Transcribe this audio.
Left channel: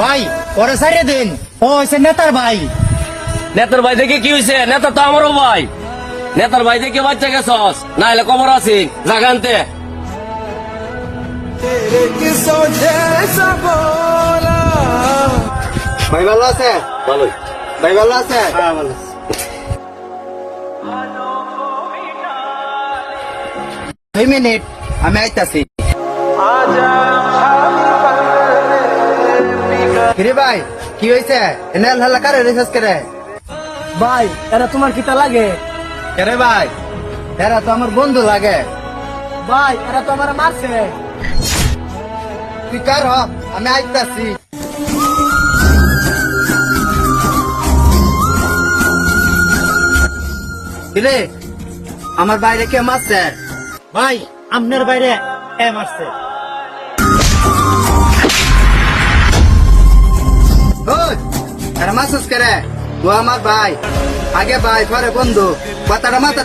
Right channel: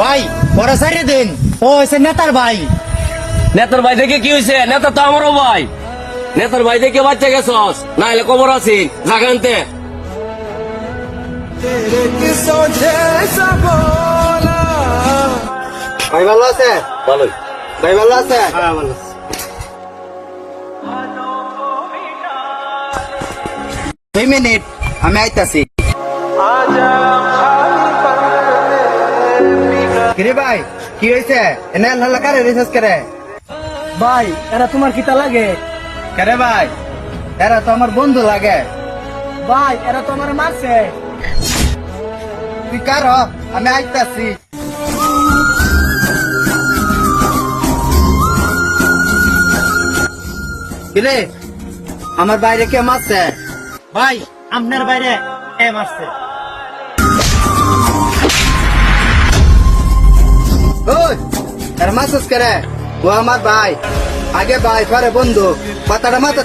ভাই পরে সাইরে দিন, ও হয়েছে নেতার ভাই। নেতার ভাই দেখে কি হয়েছে? নেতা তো আমারও ভাই। নেতার ভাই দেখে বাচ্চা গেছস, না হলে কবর আছি জাগানতে। ভাই ভালো আছে? ভালোই। ভাই ভালো আছে? হ্যাঁ ভালো। 2 মিনিট আমি আইতাছি। কিরে ভাই কি হয়েছে? এনে হাল্লা কারে রিসার্চ করে? ভাই এরা তোমার কিতা লাগে? কেরে ভাই? এরা তো আমার বন্ধু লাগে। ভাই এরা তো আমার মারছে। তুই কার? আমি আইতাছি। কিরে আমার বাইরে কে মারছে? ভাই আপনার বাইরে কে মারছে? ওই এরা মারছিস করে? ও আমার ভাই, আগে ভাই পরে বন্ধু, কথাটা মাথা